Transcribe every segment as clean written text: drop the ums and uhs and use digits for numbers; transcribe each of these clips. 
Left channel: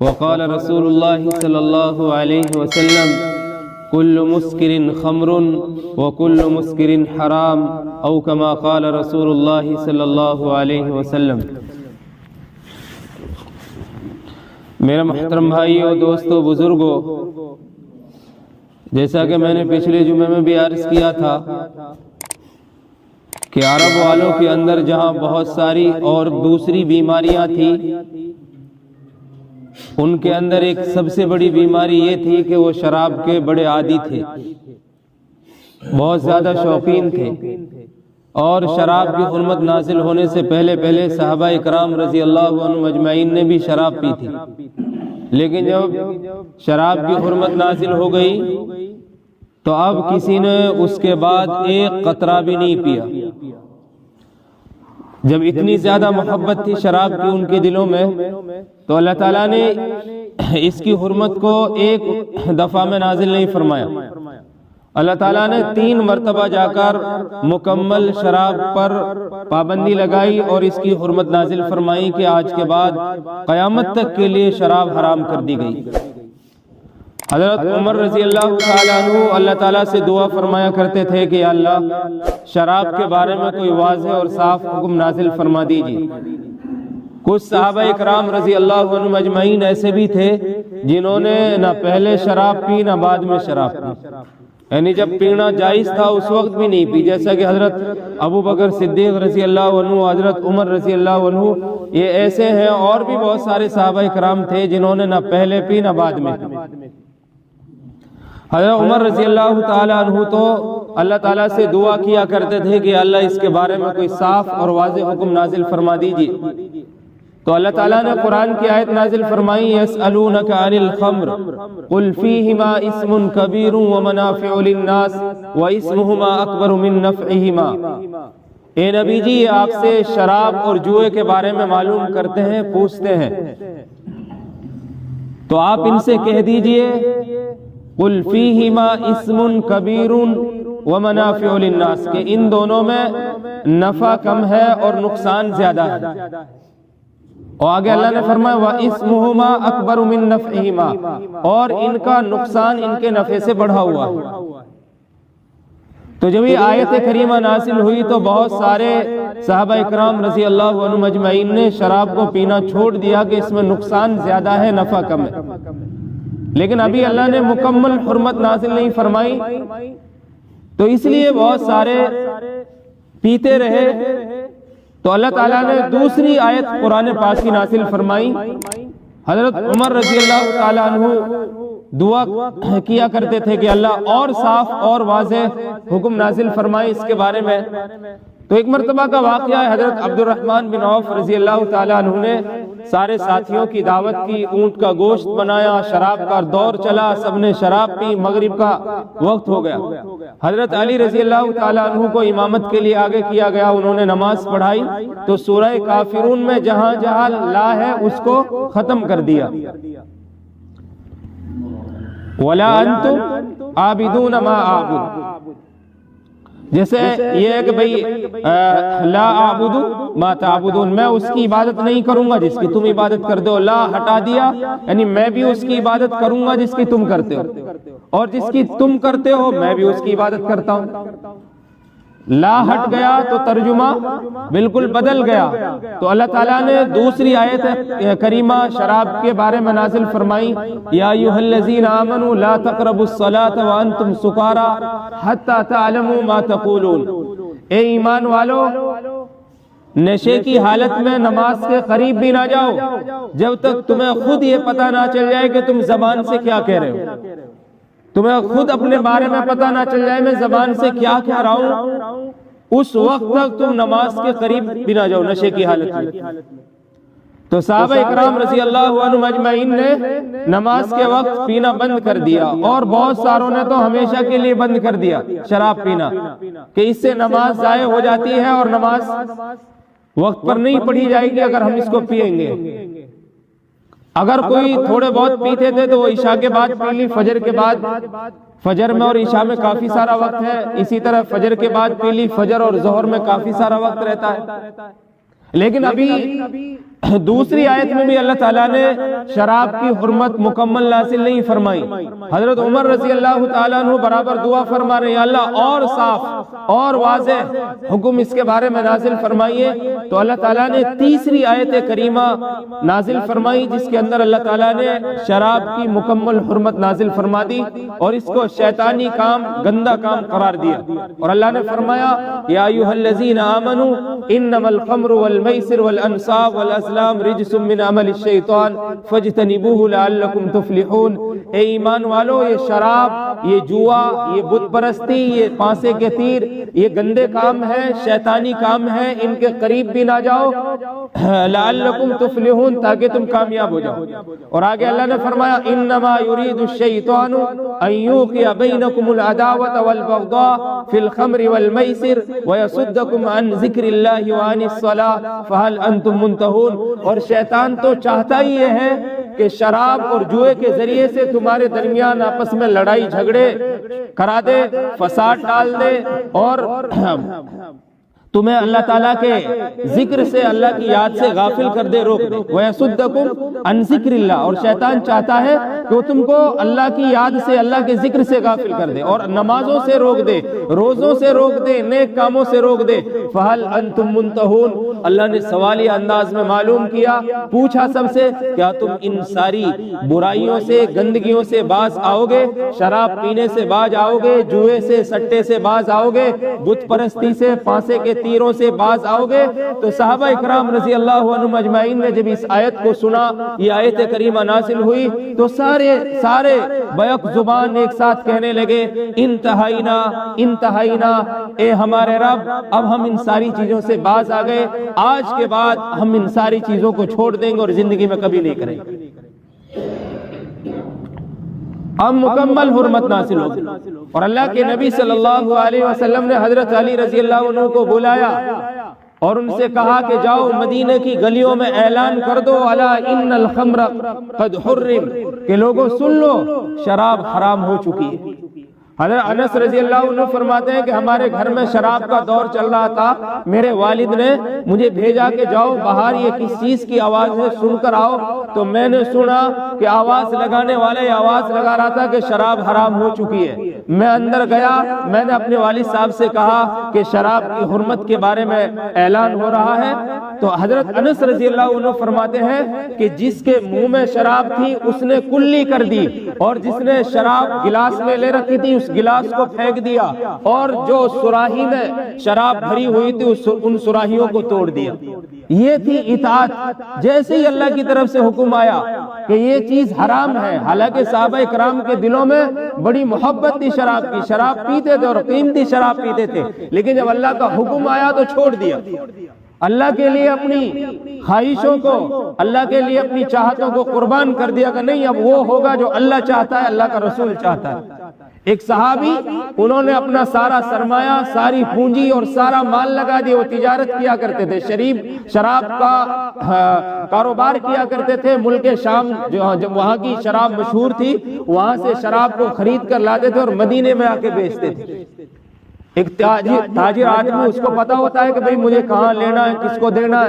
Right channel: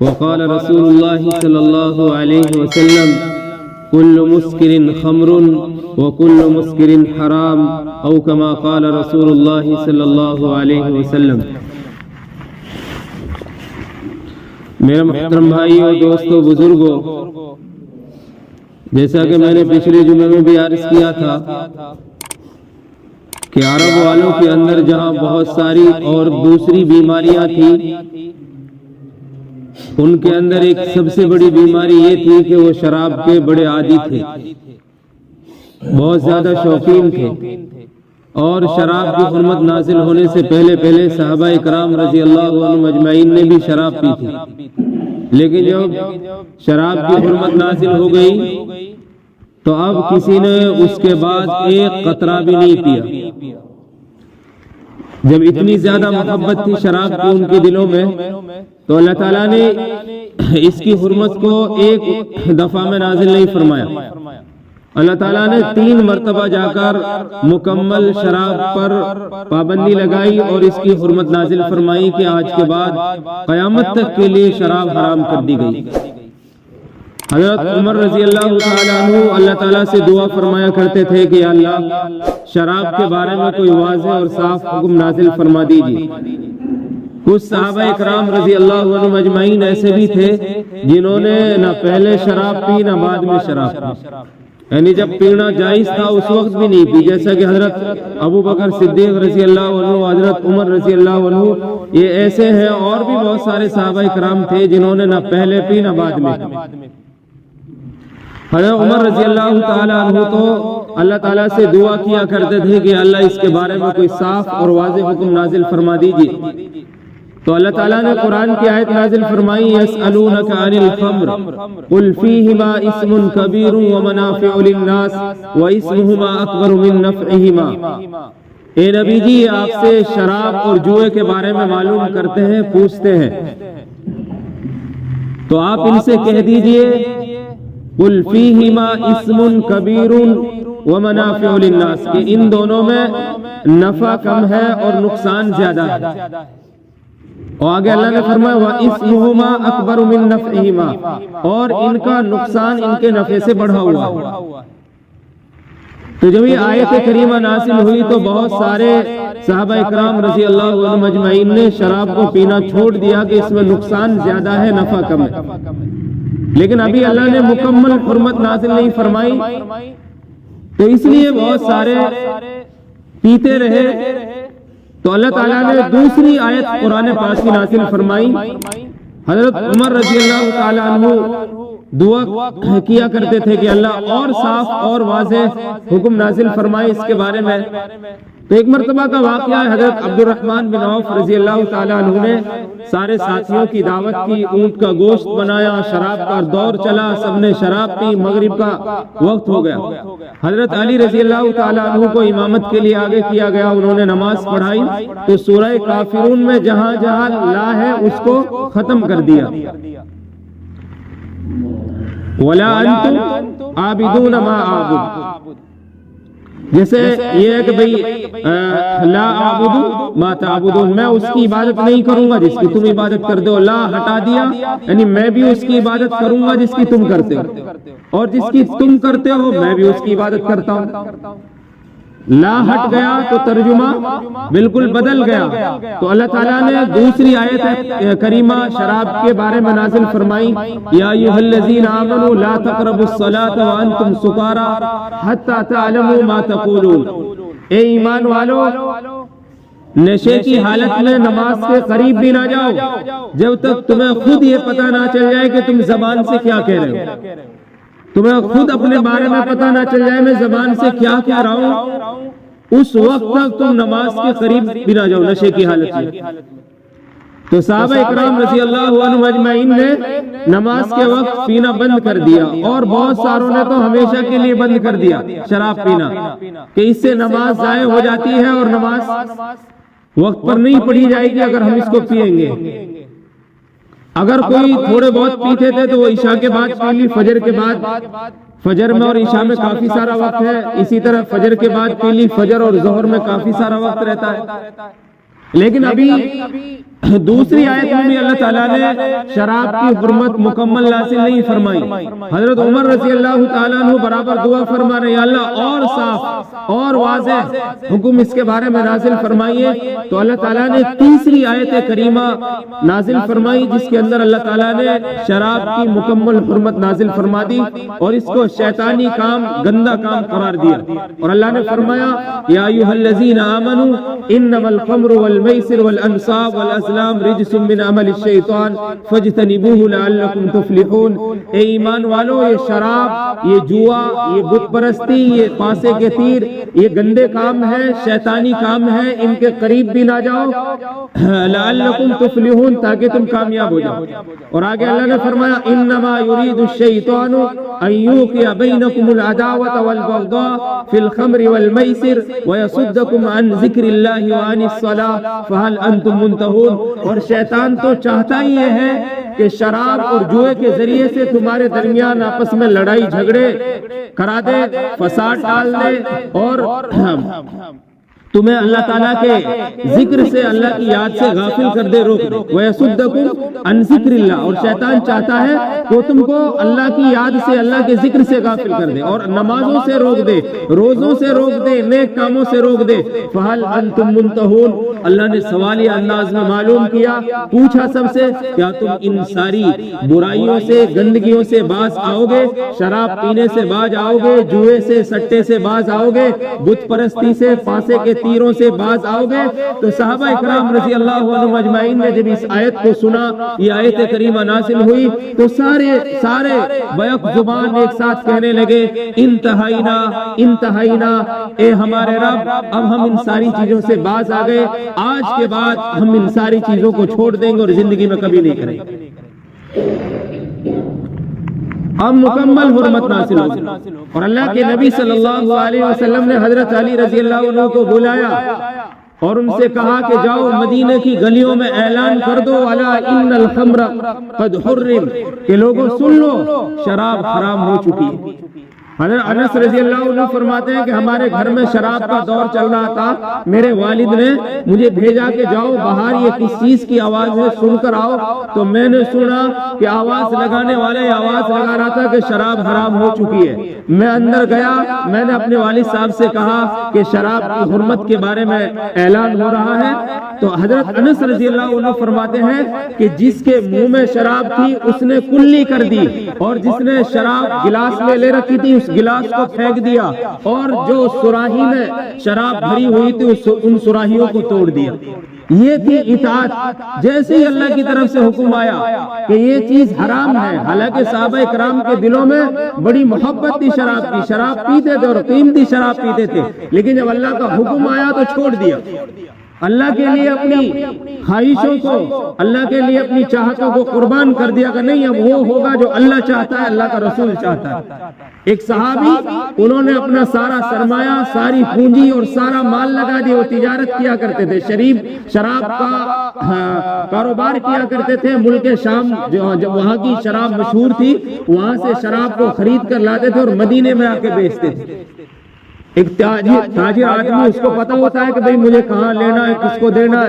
وقال رسول الله صلى الله عليه وسلم كل مسكر خمر وكل مسكر حرام او كما قال رسول الله صلی اللہ علیہ وسلم۔ میرے محترم بھائیو، دوستو، بزرگو، جیسا کہ میں نے پچھلے جمعے میں بھی عرض کیا تھا کہ عرب والوں کے اندر جہاں بہت ساری اور دوسری بیماریاں تھیں، ان کے اندر ایک سب سے بڑی بیماری یہ تھی کہ وہ شراب کے بڑے عادی تھے، بہت زیادہ شوقین تھے، اور شراب کی حرمت نازل ہونے سے پہلے صحابہ اکرام رضی اللہ عنہم اجمعین نے بھی شراب پی تھی، لیکن جب شراب کی حرمت نازل ہو گئی تو اب کسی نے اس کے بعد ایک قطرہ بھی نہیں پیا۔ جب اتنی زیادہ محبت تھی شراب کی ان کے دلوں میں، تو اللہ تعالیٰ نے اس کی حرمت کو ایک دفعہ میں نازل نہیں فرمایا۔ اللہ تعالیٰ نے 3 مرتبہ جا کر مکمل شراب پر پابندی لگائی اور اس کی حرمت نازل فرمائی کہ آج کے بعد قیامت تک کے لیے شراب حرام کر دی گئی۔ حضرت عمر رضی اللہ تعالیٰ عنہ اللہ تعالیٰ سے دعا فرمایا کرتے تھے کہ یا اللہ، شراب کے بارے میں کوئی واضح اور صاف حکم نازل فرما دیجیے۔ کچھ صحابہ اکرام رضی اللہ عنہم اجمعین ایسے بھی تھے جنہوں نے نہ پہلے شراب پی نہ بعد میں شراب پی، یعنی جب پینا جائز تھا اس وقت بھی نہیں پی، جیسا کہ حضرت ابو بکر صدیق رضی اللہ عنہ، حضرت عمر رضی اللہ عنہ، یہ ایسے ہیں۔ اور بھی بہت سارے صحابہ اکرام تھے جنہوں نے نہ پہلے پی نہ بعد میں پی۔ حضرت عمر رضی اللہ تعالیٰ عنہ تو اللہ تعالیٰ سے دعا کیا کرتے تھے کہ اللہ اس کے بارے میں کوئی صاف اور واضح حکم نازل فرما دیجیے۔ تو اللہ تعالیٰ نے قرآن کی آیت نازل فرمائی، یسألونک عن الخمر قل فیہما اسم کبیر ومنافع للناس واسمہما اکبر من نفعہما۔ اے نبی جی، آپ سے شراب اور جوئے کے بارے میں معلوم کرتے ہیں، پوچھتے ہیں، تو آپ ان سے کہہ دیجئے قل فیہما اسم کبیر ومنافع للناس، کہ ان دونوں میں نفع کم ہے اور نقصان زیادہ ہے۔ اور آگے اللہ نے فرمایا وَإِسْمُهُمَا أَكْبَرُ مِن نَفْعِهِمَا، اور ان کا نقصان ان کے نفع سے بڑھا ہوا ہے۔ تو جب یہ آیت کریمہ نازل ہوئی تو بہت سارے صحابہ اکرام رضی اللہ عنہم اجمعین نے شراب کو پینا چھوڑ دیا کہ اس میں نقصان زیادہ ہے، نفع کم ہے۔ لیکن ابھی اللہ نے مکمل حرمت نازل نہیں فرمائی، تو اس لیے بہت سارے پیتے رہے۔ تو اللہ تعالیٰ نے دوسری آیت قرآن پاک کی نازل فرمائی۔ حضرت عمر رضی اللہ تعالیٰ عنہ دعا کیا کرتے تھے کہ اللہ اور صاف اور واضح حکم نازل فرمائے اس کے بارے میں۔ تو ایک مرتبہ کا واقعہ ہے، حضرت عبد الرحمن بن عوف رضی اللہ تعالیٰ عنہ نے سارے ساتھیوں کی دعوت کی، اونٹ کا گوشت بنایا، شراب کا دور چلا، سب نے شراب پی، مغرب کا وقت ہو گیا۔ حضرت علی رضی اللہ تعالیٰ عنہ کو امامت کے لیے آگے کیا گیا، انہوں نے نماز پڑھائی تو سورہ کافرون میں جہاں جہاں لا ہے اس کو ختم کر دیا۔ وَلَا أَنْتُمْ عَابِدُونَ مَا أَعْبُدُ، جیسے یہ ہے کہ بھئی لا اعبد ما تعبدون، میں اس کی عبادت نہیں کروں گا جس کی تم عبادت کرتے ہو۔ لا ہٹا دیا، یعنی میں بھی اس کی عبادت کروں گا جس کی تم کرتے ہو، اور جس کی تم کرتے ہو میں بھی اس کی عبادت کرتا ہوں۔ لا ہٹ گیا تو ترجمہ بالکل بدل گیا۔ تو اللہ تعالیٰ نے دوسری آیت کریمہ شراب کے بارے میں نازل فرمائی، یا ایھا الذین آمنوا لا تقربوا الصلاۃ وانتم سکارى حتی تعلموا ما تقولون، اے ایمان والو، نشے کی حالت میں نماز کے قریب بھی نہ جاؤ جب تک تمہیں خود یہ پتہ نہ چل جائے کہ تم زبان سے کیا کہہ رہے ہو، تمہیں خود اپنے بارے میں پتہ نہ چل جائے میں زبان سے کیا کہہ رہا ہوں، اس وقت تک تم نماز کے قریب بھی نہ جاؤ نشے کی حالت میں۔ تو صحابہ اکرام رضی اللہ عنہم اجمعین نے نماز کے وقت پینا بند کر دیا، اور بہت ساروں نے تو ہمیشہ کے لیے بند کر دیا شراب پینا، کہ اس سے نماز ضائع ہو جاتی ہے اور نماز وقت پر نہیں پڑھی جائے گی اگر ہم اس کو پیئیں گے۔ اگر کوئی تھوڑے بہت پیتے تھے تو وہ عشاء کے بعد پی لی، فجر کے بعد، فجر میں اور عشاء میں کافی سارا وقت ہے، اسی طرح فجر کے بعد پی لی، فجر اور ظہر میں کافی سارا وقت رہتا ہے۔ لیکن ابھی دوسری آیت میں بھی اللہ تعالیٰ نے شراب کی حرمت مکمل نازل نہیں فرمائی. حضرت عمر رضی اللہ تعالیٰ عنہ برابر دعا فرما رہے ہیں، اللہ اور صاف اور واضح حکم اس کے بارے میں نازل فرمائیے. تو اللہ تعالیٰ نے تیسری آیت کریمہ نازل فرمائی جس کے اندر اللہ تعالیٰ نے شراب کی مکمل حرمت نازل فرما دی اور اس کو شیطانی کام، گندا کام قرار دیا. اور اللہ نے فرمایا یا ایھا الذین آمنوا انما الخمر والمیسر والانصاب والازلام رجس من عمل الشیطان فاجتنبوه لعلکم تفلحون. اے ایمان والو، یہ شراب، یہ جوا، یہ بت پرستی، یہ پانسے کے تیر، یہ گندے کام ہے، شیطانی کام ہے، ان کے قریب بھی نہ جاؤ لعلکم تفلحون، تاکہ تم کامیاب ہو جاؤ. اور آگے اللہ نے فرمایا انما یرید الشیطان ان یوقع بینکم العداوة والبغضاء فی الخمر والمیسر ویصدکم عن ذکر اللہ وعن الصلاة فہل انتم منتہون. اور شیطان تو چاہتا ہی یہ ہے کہ شراب اور جوئے کے ذریعے سے تمہارے درمیان آپس میں لڑائی جھگڑے کرا دے، فساد ڈال دے اور تمہیں اللہ تعالیٰ کے ذکر سے، اللہ کی یاد سے غافل کر دے، روک دے. وَيَصُدَّكُمْ عَنْ ذِكْرِ اللَّهِ. اور شیطان چاہتا ہے کہ وہ تم کو اللہ کی یاد سے، اللہ کے ذکر سے غافل کر دے اور نمازوں سے روک دے، روزوں سے روک دے، نیک کاموں سے روک دے. فَهَلْ أَنْتُمْ مُنْتَهُونَ. اللہ نے سوالیہ انداز میں معلوم کیا، پوچھا سب سے کیا تم ان ساری برائیوں سے، گندگیوں سے باز آؤ گے؟ شراب پینے سے باز آؤ گے؟ جوئے سے، سٹے سے باز آؤ گے؟ بت پرستی سے، پانسے کے تیروں سے باز آؤ گے؟ تو صحابہ اکرام رضی اللہ عنہم اجمعین نے جب اس آیت کو سنا، یہ آیت کریمہ نازل ہوئی، تو سارے بیک زبان ایک ساتھ کہنے لگے انتہائینا انتہائینا، اے ہمارے رب اب ہم ان ساری چیزوں سے باز آ گئے، آج کے بعد ہم ان ساری چیزوں کو چھوڑ دیں گے اور زندگی میں کبھی نہیں کریں گے. اب مکمل حرمت نازل ہو گئی اور اللہ کے نبی صلی اللہ علیہ وسلم نے حضرت علی رضی اللہ عنہ کو بلایا اور ان سے کہا کہ جاؤ مدینے کی گلیوں میں اعلان کر دو الا ان الخمر قد حرم، کہ لوگوں سن لو شراب حرام ہو چکی ہے. حضرت انس رضی اللہ عنہ فرماتے ہیں کہ ہمارے گھر میں شراب کا دور چل رہا تھا، میرے والد نے مجھے بھیجا کہ جاؤ باہر یہ کس چیز کی آواز ہے، سن کر آؤ. تو میں نے سنا کہ آواز لگانے والے آواز لگا رہا تھا کہ شراب حرام ہو چکی ہے. میں اندر گیا، میں نے اپنے والد صاحب سے کہا کہ شراب کی حرمت کے بارے میں اعلان ہو رہا ہے. تو حضرت انس رضی اللہ عنہ فرماتے ہیں کہ جس کے منہ میں شراب تھی اس نے کلی کر دی، اور جس نے شراب گلاس میں لے رکھی تھی اس گلاس کو پھینک دیا، اور جو سراہی میں شراب بھری ہوئی تھی ان سراہیوں کو توڑ دیا. یہ تھی اطاعت. جیسے ہی اللہ کی طرف سے حکم آیا کہ یہ چیز حرام ہے، حالانکہ صحابہ کرام کے دلوں میں بڑی محبت تھی شراب کی، شراب پیتے تھے اور قیمتی شراب پیتے تھے، لیکن جب اللہ کا حکم آیا تو چھوڑ دیا. اللہ کے لیے اپنی خواہشوں کو، اللہ کے لیے اپنی چاہتوں کو قربان کر دیا کہ نہیں، اب وہ ہوگا جو اللہ چاہتا ہے، اللہ کا رسول چاہتا ہے. ایک صحابی، انہوں نے اپنا سارا سرمایہ، ساری پونجی اور سارا مال لگا دیا. وہ تجارت کیا کرتے تھے، شراب کا کاروبار کیا کرتے تھے. ملک شام جب وہاں کی شراب مشہور تھی، وہاں سے شراب کو خرید کر لاتے تھے اور مدینے میں آ کے بیچتے تھے. ایک تاجر آدمی، اس کو پتا ہوتا ہے کہ بھئی مجھے کہاں لینا ہے، کس کو دینا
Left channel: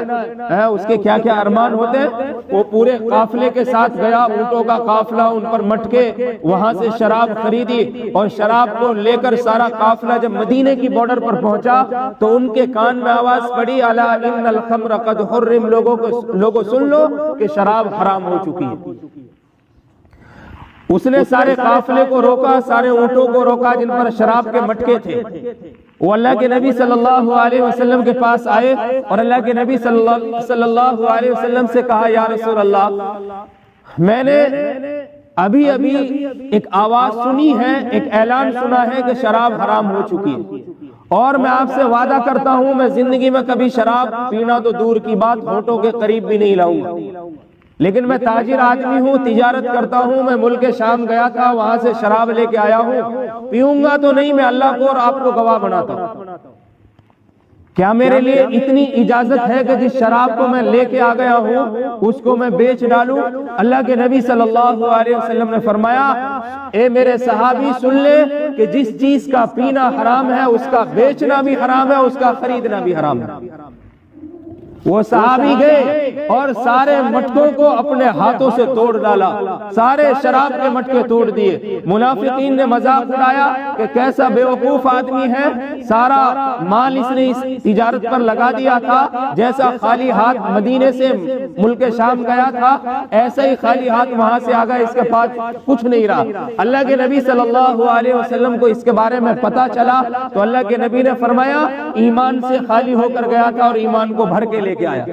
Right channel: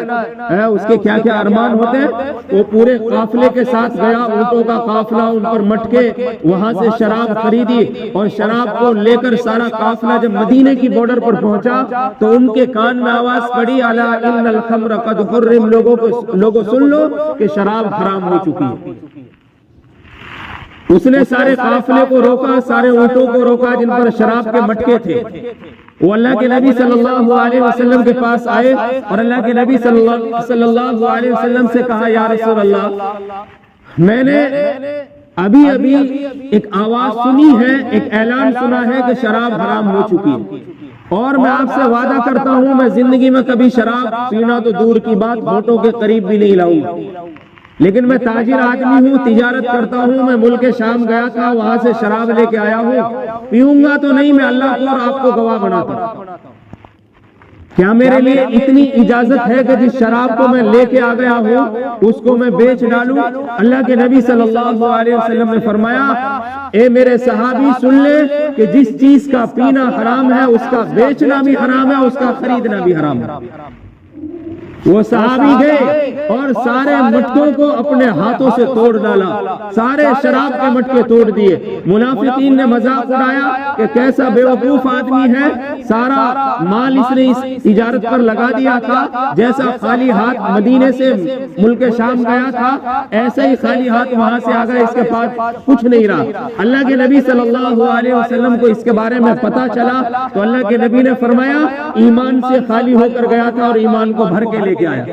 ہے، اس کے کیا کیا ارمان ہوتے ہیں. وہ پورے قافلے کے ساتھ گیا، اونٹوں کا قافلہ، ان پر مٹکے، وہاں سے شراب خریدی اور شراب کو لے کر سارا قافلہ جب مدینے کی بارڈر پر پہنچا تو ان کے کان میں آواز پڑی الا ان الخمر قد حرم، لوگوں سن لو کہ شراب حرام ہو چکی ہے. اس نے سارے قافلے کو روکا، سارے اونٹوں کو روکا جن پر شراب کے مٹکے تھے. وہ اللہ کے نبی صلی اللہ علیہ وسلم کے پاس آئے اور اللہ کے نبی صلی اللہ علیہ وسلم سے کہا یا رسول اللہ، میں نے ابھی ایک آواز سنی ہے، ایک اعلان سنا ہے کہ شراب حرام ہو چکی ہے، اور میں آپ سے وعدہ کرتا ہوں میں زندگی میں کبھی شراب پینا تو دور کی بات، ہونٹوں کے قریب بھی نہیں لاؤں گا. لیکن میں تاجر آدمی ہوں، تجارت کرتا ہوں، میں ملک شام گیا تھا، وہاں سے شراب لے کے آیا ہوں، پیوں گا تو نہیں، میں اللہ کو اور آپ کو گواہ بناتا ہوں. کیا میرے لیے اتنی اجازت ہے کہ جس شراب کو میں لے کے آ گیا ہوں اس کو میں بیچ ڈالوں؟ اللہ کے نبی صلی اللہ علیہ وسلم نے فرمایا اے میرے صحابی سن لے کہ جس چیز کا پینا حرام ہے اس کا بیچنا بھی حرام ہے، اس کا خریدنا بھی حرام ہے. وہ صحابی گئے اور سارے مٹکوں کو اپنے ہاتھوں سے توڑ ڈالا، سارے شراب کے مٹکے توڑ دیے۔ منافقین نے مذاق اڑایا کہ کیسا بیوقوف آدمی ہے، سارا مال اس نے اس تجارت پر لگا دیا تھا، جیسا خالی ہاتھ مدینے سے ملک شام گیا تھا ایسا ہی خالی ہاتھ وہاں سے آ گیا، اس کے پاس کچھ نہیں رہا۔ اللہ کے نبی صلی اللہ علیہ وسلم کو اس کے بارے میں پتا چلا تو اللہ کے نبی نے فرمایا ایمان سے خالی ہو کر گیا تھا اور ایمان کو بھر کے لے کے آیا۔